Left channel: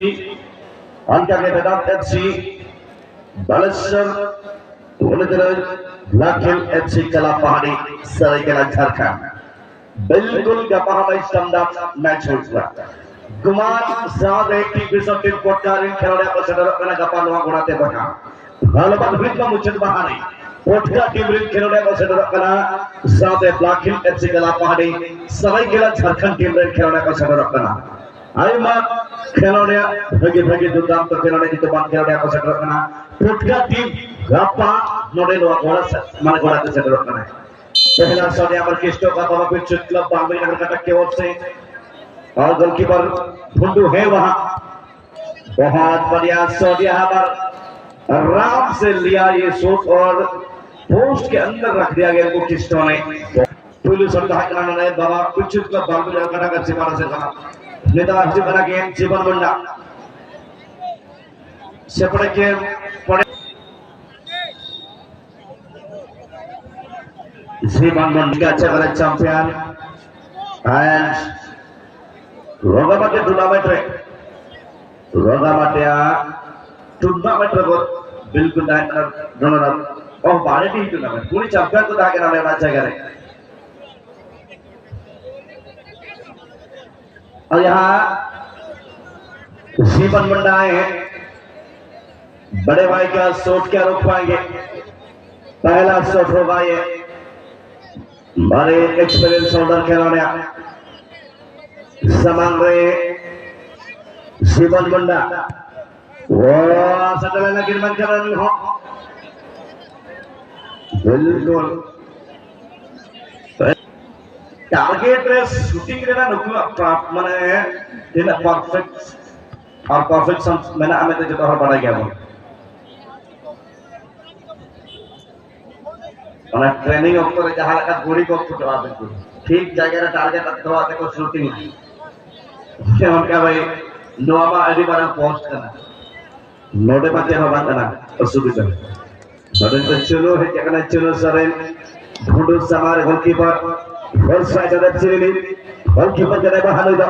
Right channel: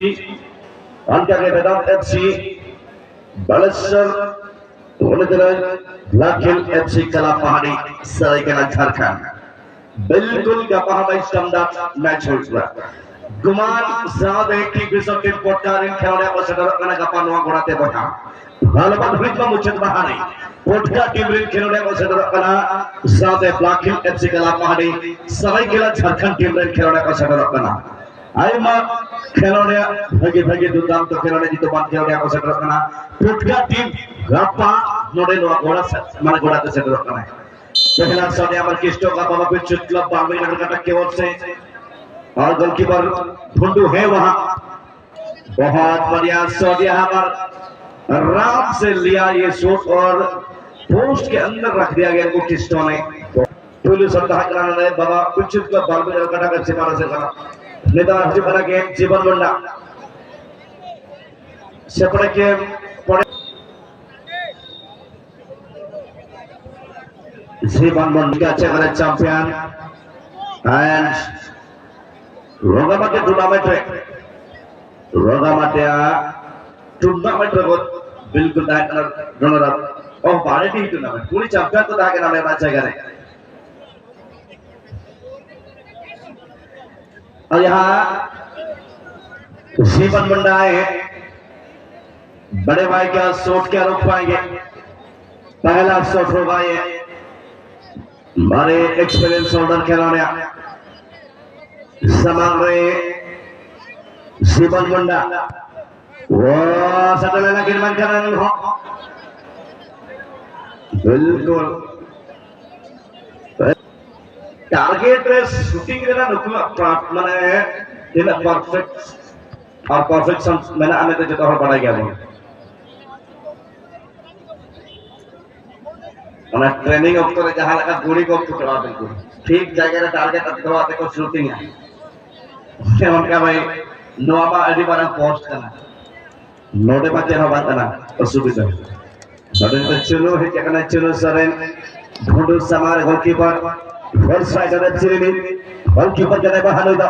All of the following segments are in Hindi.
Antalya Vedat FC, Balasar, Unadara, Black Hill FC Kalapahani, Saraikana Jharkhand. बिल्कुल गपाहमा स्टमदार मैच होगा गुमान साहब एक की बिसोटिन पोटकारिन खेलने को सदर करने गपानुआ गुणाते बचा हालत भीतर मुझे बहाने पोटका टीमरिन खेलने को सदर करना साहब ब्लैक हिल एफसी कलापहाड़ी सराय केला झारखंड टीमरिन खेलने को सदर करना आइमा खेलने भगे भगे दुर्दांत तो खेलने जितो बात खेलने को सदर करना पोटका टीम गपा नोडे नो गोला माने गुणाते सदर करना पहला शॉट यहाँ पर किस्टो का बाबा पिच क्लब बालवी नगर कटक की ओर से और गोलकीपर भुंडू है वहां बहुत बढ़िया शॉट यहाँ पर आराम से लिया ये शॉट और पोस्ट के अंदर रख दिया गया इनको किस्टो ने पुलिस संधान कराना है बाबा पिच क्लब बालवी नगर कटक से मारा से करा नेता हजी बना के जीवन बंडा सेपड़े के Ziban Mondiga Chagare champion and Rogamate tournament बिल्कुल runner up और भारत ही टूर्नामेंट पूरी चैंपियन को ताकि नाम लेना चाहिए और यहाँ जीवन बंडा है बड़े भाई का शॉट क्या रोक पाएंगे पहला शॉट होगा ये बड़े एक्सपीरियंस होल्डर खिलाड़ी समांग रहे शिवन मुंडा वो सटल लगे मन कर रहे हो बिल्कुल टारगेट रेस शूटिंग करना नुकला माने ये परफेक्ट और परफेक्शन मैंने हमें तो जितना और बढ़ा गया वो माने ट्रेनिंग ऑक्टर जहां लगा गोली को फुटवा बिल्कुल ठीक जगह रे टारगेट अटकवाते को शूटिंग है से हम क्या भाई नोवा अडी बारा पोस्ट करना नोटे बच्चे हम करना असुविधा सडन पे चलो है क्या चलो सरेन ढूंढो समार गोलकीपर फर्स्ट स्ट्राइकर चिरिनी गोलकीपर जने बाहर दा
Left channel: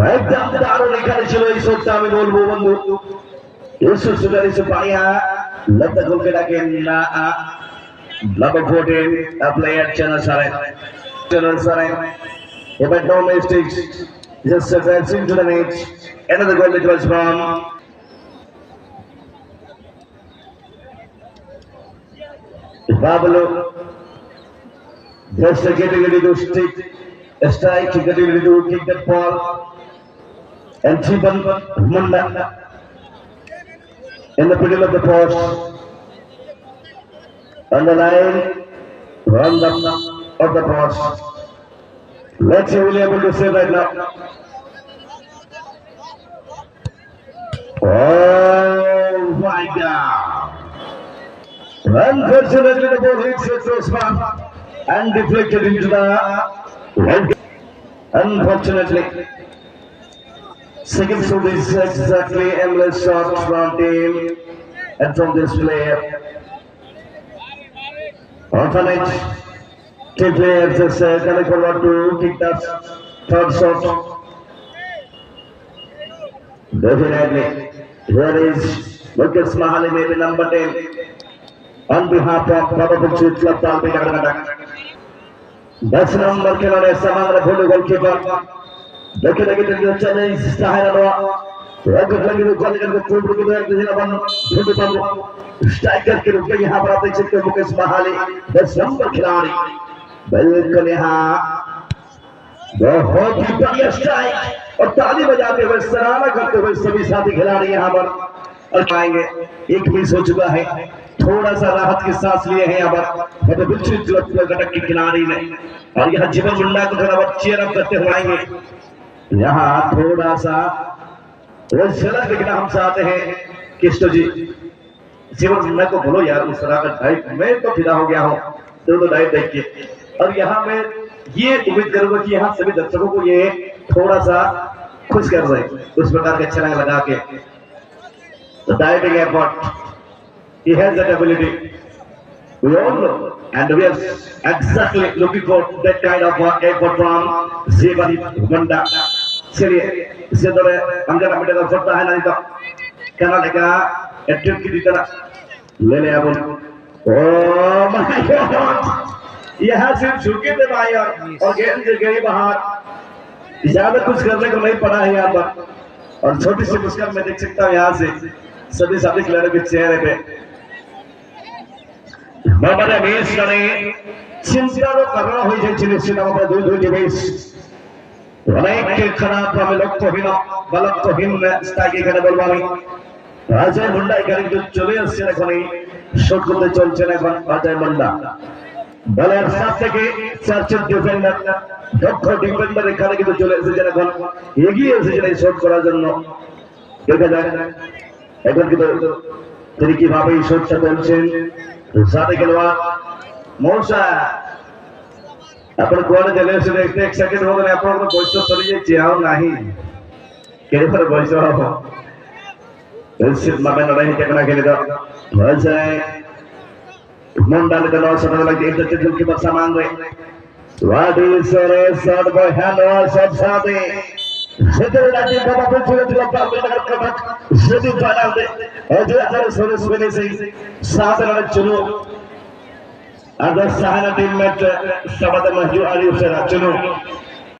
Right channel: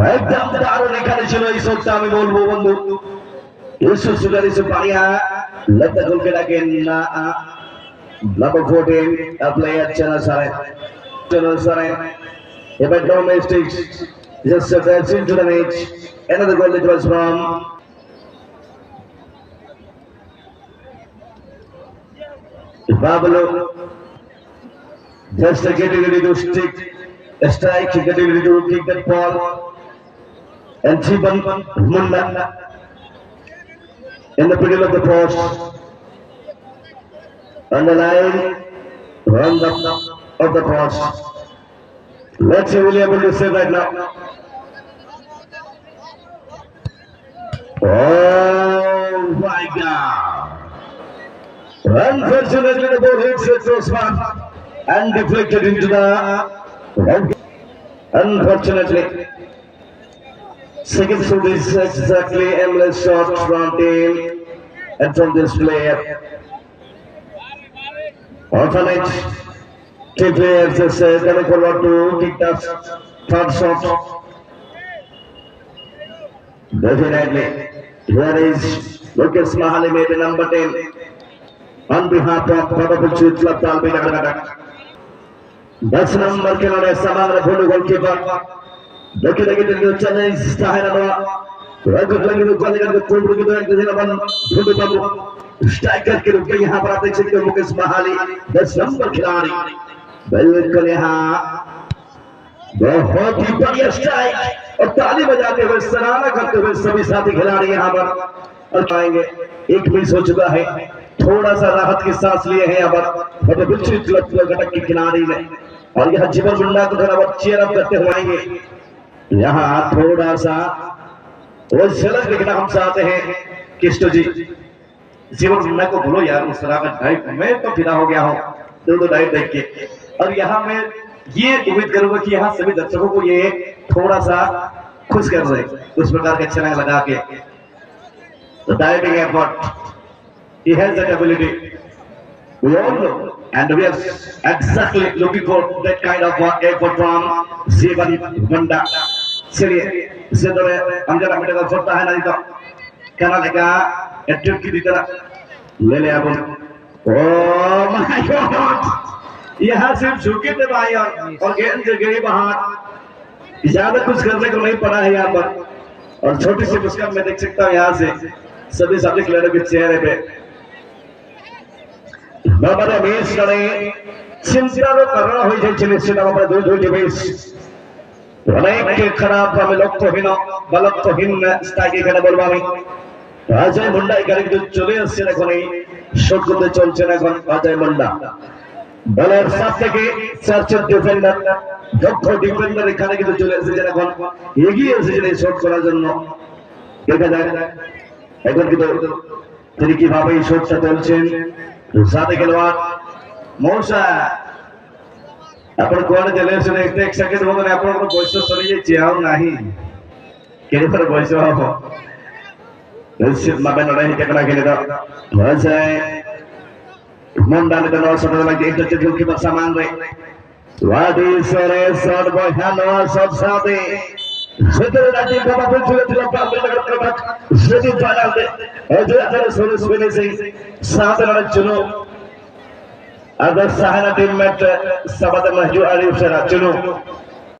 राइट डाउन दारो निकाले चलो इस वक्त আমি বলবো বন্ধু ইসু সুগারি সুপারিয়া let the goal get again number 14 a player Channel Sarai but no mistakes just advancing to the match another goal it was from Babalo just getting ready to stick a strike getting ready to kick that ball and Chiban Munda in the middle of the post on the line round of the post. Let's see will be able to save right now. Oh my God! Unfortunately the ball hits the crossbar and deflected into the unfortunately second shoot is exactly aimless shot from team and from this player. Alternate two players is coming forward to kick the third shot. Definitely, here is Lucas Mahali, maybe number 10, on behalf of Probable Chief Club Palpi Nagaradak. That's number Kilane Samang, the goalkeeper. Looking at the challenge, Sahara, striker के रूप में यहाँ पर आप देख सकते हो मुकेश बहाली 10 नंबर खिलाड़ी बिल्कुल यहाँ बहुत ही बढ़िया स्ट्राइक और ताली बजाते हुए सराहना करते हुए सभी साथी खिलाड़ी यहाँ पर आएंगे एक मिस हो चुका है थोड़ा सा राहत की सांस लिए हैं यहाँ पर बिल्कुल घटक के खिलाड़ी ने और यहाँ जीवन मुंडा को थोड़ा बहुत चेयर अप करते हुए आएंगे यहाँ थोड़ा सा वो झलक दिखना हम चाहते हैं किस्टो जी जीवन मुंडा को बोलो यार उस तरह का ड्राइव मैं तो फिदा हो गया हूँ दो ड्राइव देख के और यहाँ मैं ये उम्मीद करूंगा कि यहाँ सभी दर्शकों को ये थोड़ा सा खुश कर दे उस प्रकार के छलांग लगा के diving effort he has that ability we all know and we are exactly looking for that kind of effort from Zivan Munda से दरे अंदर अमिटे का छोटा है ना इधर क्या लेगा एट्रेट की दिता ना ले ले अब ओह माय गॉड यहाँ सिर्फ झुके थे भाई और गेंद गई बाहर ज्यादा कुछ करने को नहीं पड़ा है यहाँ पर और छोटी सी मुस्कान मैं देख सकता हूँ यहाँ से सभी खिलाड़ियों के चेहरे पे बाबा ने बेस करे चिंता तो करना हो जाए चलिए से बाबा दूध हो जाए बेस अनेक के खराब हमें लोग तो हिना गलत तो हिन स्टाइल के बोलवानी अजय मुंडा इकरे जो चले আসছে এখন এই শট করতে চলছে না এখন অজয় মুন্ডা বলার সাথ থেকে সার্চের ডিফেন্ডার দক্ষ ডিফেন্ডার এখানে কিন্তু চলে এসেছেন এখন এগিয়ে এসেছেন এই শট করার জন্য দেখা যায় এখন কিন্তু তিনি কিভাবে এই শটটা তুলছেন সাথে খেলোয়াড় মৌসা अपन कोण चले से देखते एक सेकंड हो गए अपन को बॉयस तो चली जाए चाहो नहीं केरे पर बॉयस हो निश्चित मामले में नहीं कितना खेले तो बस है मुंडा ने तो समझ लगे एक तो चिल्लू की बस सामान रहे वादी सोरे शॉट बॉय हेलो सब साथे सेटर राजी बाबा पे चले चले पार लगा कटक सेटू पाला दे और जो अगर सोरे सुबह से साथ लड़ा चलो अगर सहारा टीम में सबद महजू आली से चलो